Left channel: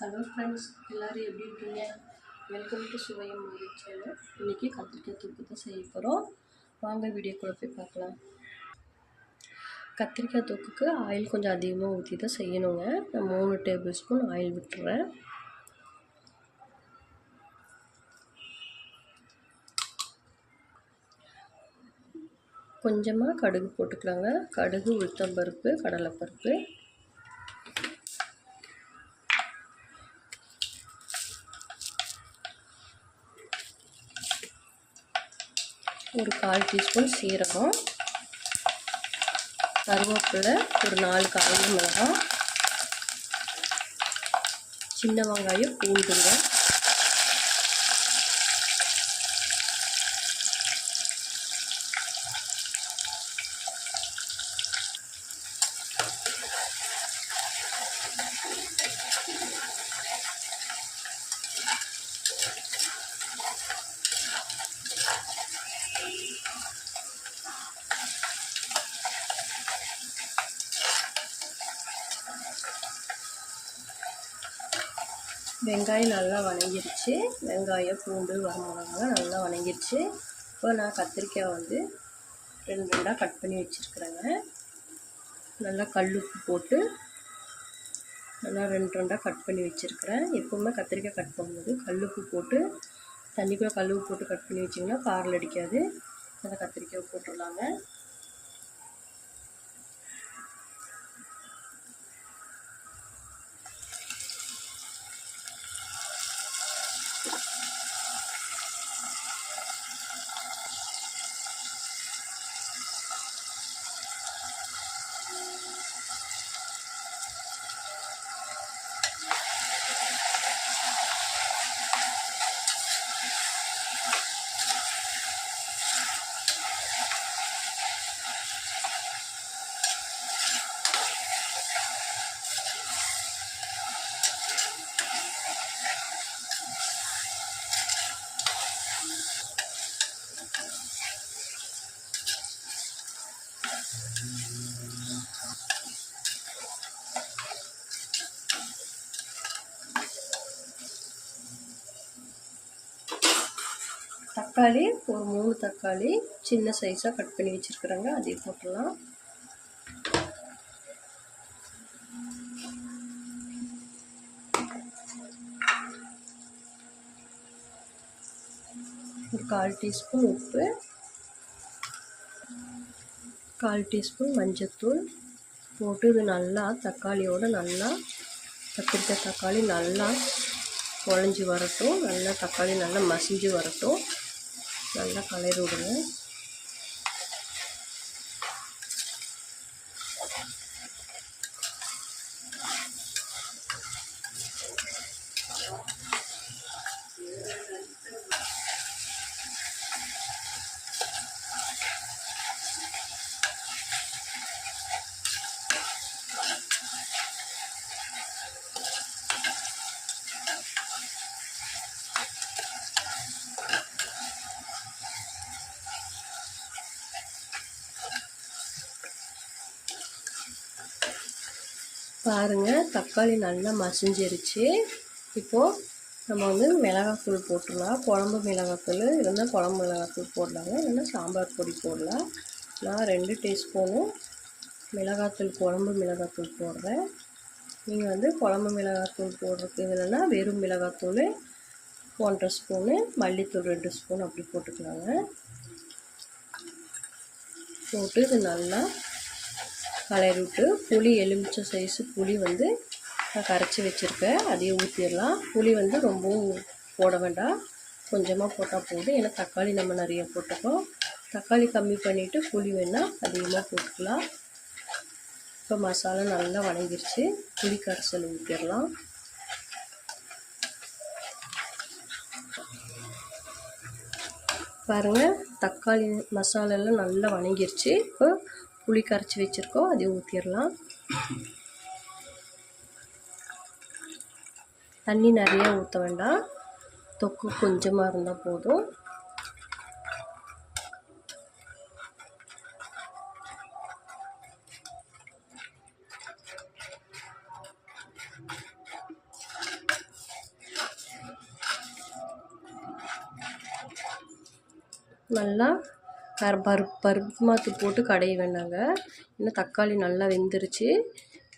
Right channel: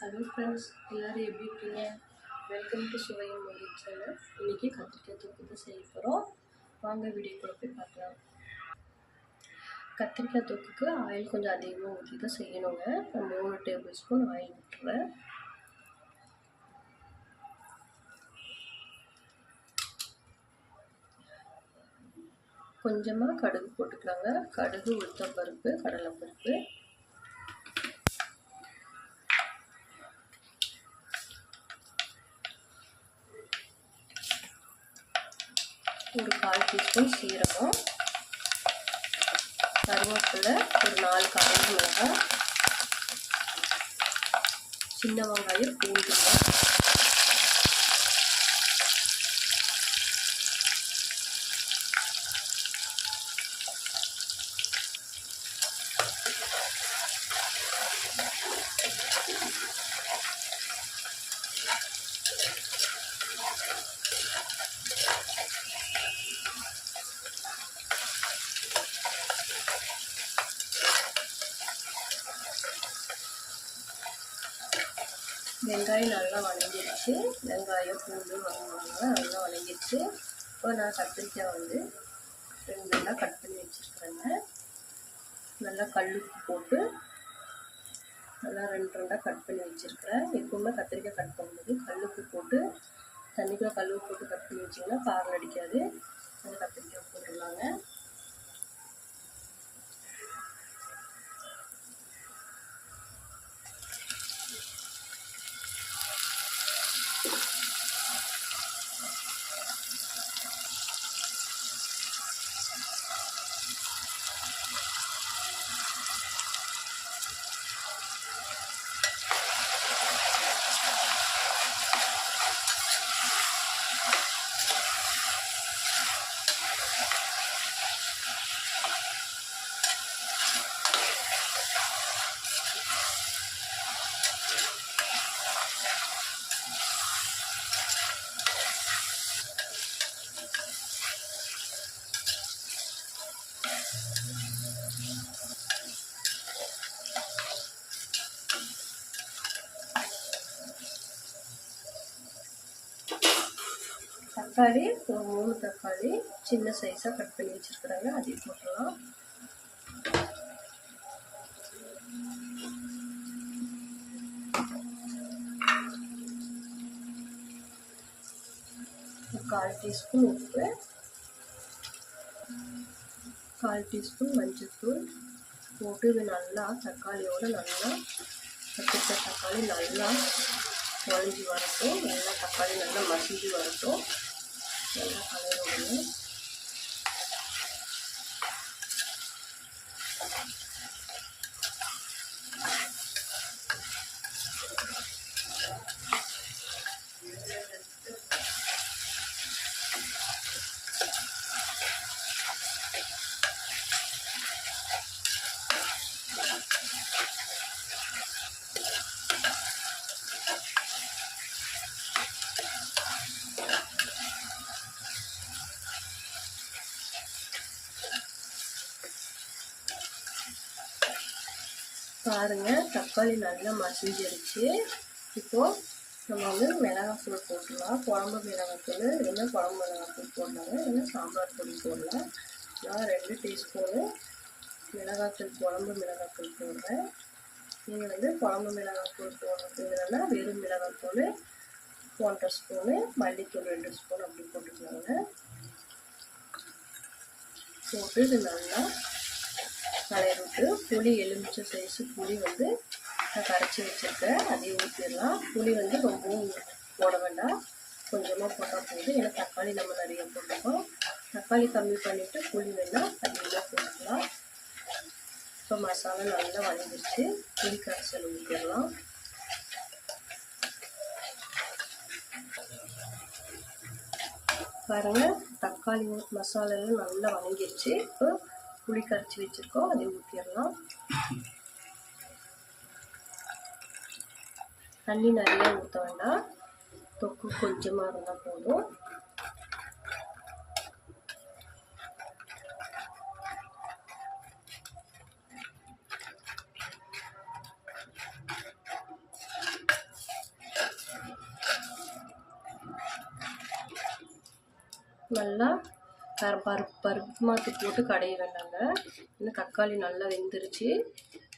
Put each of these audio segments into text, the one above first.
Hello friends எல்லோரும் எப்படி இருக்கீங்க? வெல்கம் டு சுவையம் மொழி சேனல் இன்றைக்கி கத்திரிக்காய் தொக்கு தான் செய்ய போகிறோம் வாங்க வீடியோக்குள்ளே போய் பார்க்கலாம். கத்திரிக்காய் தொக்குக்கு ஆயில் கொஞ்சம் அதிகமாக ஊற்றி தான் செய்யணுங்க. நான் மூணு டேபிள் ஸ்பூன் ஆயில் விட்டுறேன். கொஞ்சமாக கடுகு போட்டுக்கலாங்க. கடுகு உளுத்தம்பருப்பு கடலைப்பருப்பு. ஒரு கால் டீஸ்பூன் சீரகம் கருவேப்பிலை ஒரு நாலு காய் மிளகாய் சின்ன வெங்காயம் பூண்டுங்க வெங்காயம் நல்லா வணங்கிடுச்சு வெங்காயம் பூண்டு வரமிளகா நல்லா வணங்கிடுச்சு இப்போ நான் கத்திரிக்காய் வந்து ரெண்டு ரெண்டாக கட் பண்ணி வச்சுருக்குறேங்க. நல்லா கல் உப்பு போட்டு நல்லா ரெண்டு ரெண்டாக கட் பண்ணி வச்சுருக்கிறேன். எப்போவுமே கத்திரிக்காய் கட் பண்ணும்போது கல் உப்பு போட்டு தண்ணிக்குள்ளே உப்பு போட்டு கட் பண்ணி வச்சிங்கன்னா காரில் அடிக்காது. அந்த கத்திரிக்காய் போட்டுடலாங்க. தக்காளி ஒரு மூணு தக்காளி சின்ன சைஸாக கட் பண்ணி வச்சுருக்குறாங்க. அதையும் போட்டுடலாம். ஒரு கால் டீஸ்பூன் உப்பு கால் டீஸ்பூன் மஞ்சத்தூள் போட்டு இது நல்லா தக்காளியோடு நல்லா கத்திரிக்காய் தக்காளி நல்லா குழஞ்சி வரட்டும். நல்லா தக்காளி நல்லா மசிஞ்சு வரட்டும். நல்லா கலரி விடுங்க பாருங்கள் தக்காளி நல்லா மசிஞ்சிருச்சு. இப்போது நம்ம வந்து மிளகாத்தூள் போட்டுடலாம். குழம்பு மிளகாத்தூள் இல்லைன்னா குழம்பு மிளகாத்தூள் போடலாங்க. இல்லைன்னா சாம்பார் பொடி போடலாம். நான் ரெண்டு டீஸ்பூனு மிளகாத்தூள் குழம்பு மிளகாத்தூள் போடுறேன். நீங்கள் வந்து குழம்பு மிளகாத்தூள் போடுறதுக்கு இல்லைன்னா வெறும் மிளகாத்தூள் ஒன்றரை ஸ்பூனு மல்லித்தூள் ரெண்டு ஸ்பூன் அப்படி போட்டுக்கலாங்க. போட்டு இது நல்லா கலரி விட்டு புளி எலுமிச்சை சைஸு புளி வந்து நான் கரைச்சி வச்சுருக்கேன். அதையும் ஊற்றிடலாம் புளி வந்து ரொம்பவும் போட வேண்டாம். கொஞ்சமாக போட்டால் போதும். ஏன்னா தக்காளி நம்ம நிறைய போட்டுக்கோம். தக்காளி கம்மி பண்ணிவிட்டு புளி வேணால் அதிகமாக போட்டுக்கலாம். இப்போ மசாலா நல்லா வணங்கிருச்சு. புளி கரைசல் ஊற்றிடலாம் பாருங்கள் தக்காளி மசாலாலாம் நல்லா வணங்கிருச்சு. இப்போ புளி கரைச்சி வச்சுருக்கோம். அதை ஊற்றிடலாம் தண்ணி நிறையா ஊற்ற வேண்டாம். தொக்கு கொஞ்சமாக இருந்தால் போதும். நல்லா பரு பருப்பு பருப்பு மாற்றி போட்டு கடைய வேண்டாங்க. இன்னும் தக்காளி நல்லா வெந்துருச்சு.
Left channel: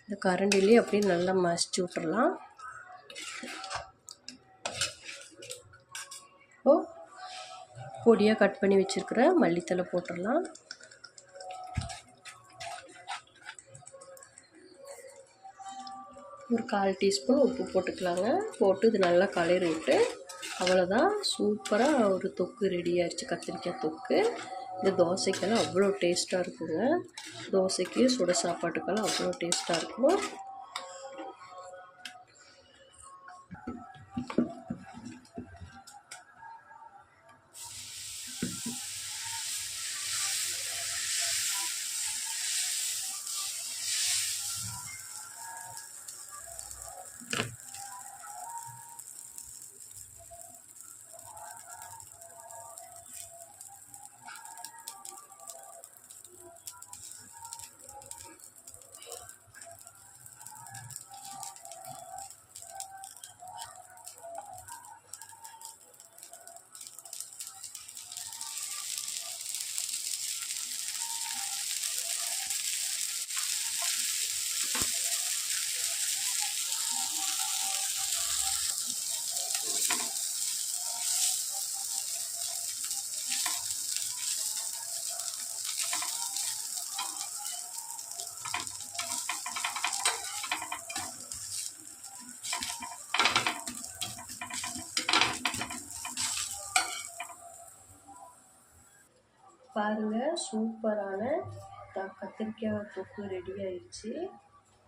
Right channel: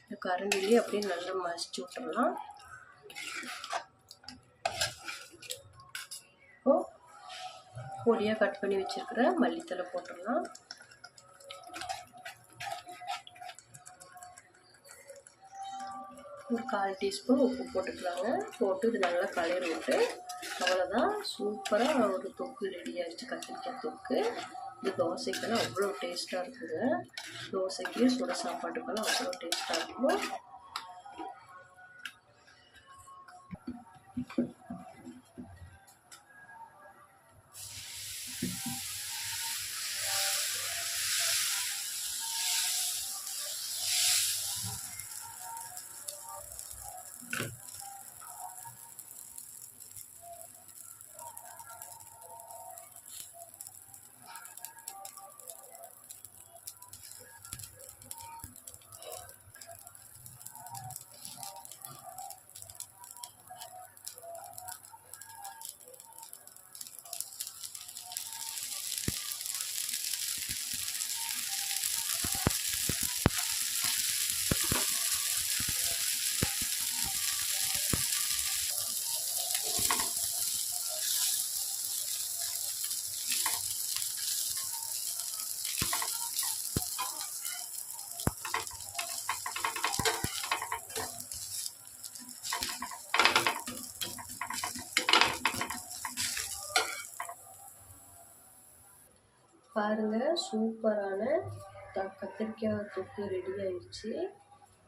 இந்த கரண்டிலேயே அப்படியே நல்லா மசிச்சு விட்டுறலாம். ஓ பொடியாக கட் பண்ணி வச்சுருக்கிற மல்லித்தலை போட்டுடலாம் ஒரு கால் டீஸ்பூன் உப்பு போட்டுக்கலாங்க. போட்டு இது நல்லா கலரி விட்டு அவ்வளோதான் சூப்பராக ஒரு தொக்கு ரெடி ஆயிடுச்சு. கத்திரிக்காய் தொக்கு. இந்த தோசைக்கெல்லாம் அவ்வளோ டேஸ்ட்டாக இருக்குங்க தோசைக்கு சுட சாப்பாட்டுக்கெல்லாம் அவ்வளோ டேஸ்ட்டாக இருக்கும். பாருங்கள் சூப்பரான த கத்திரிக்காய் தொக்கு ரெடி ஆயிடுச்சு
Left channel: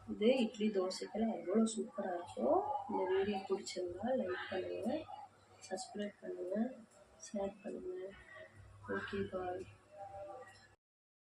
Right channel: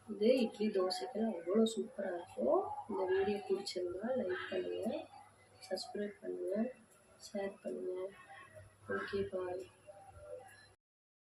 இது இட்லி தோசைக்கெல்லாம் அவ்வளோ சூப்பராக இருக்கும். இந்த வீடியோ பிடிச்சிருந்தா லைக் பண்ணுங்கள் சப்ஸ்கிரைப் பண்ணுங்கள் ஷேர் பண்ணுங்கள் ஓகே பாய்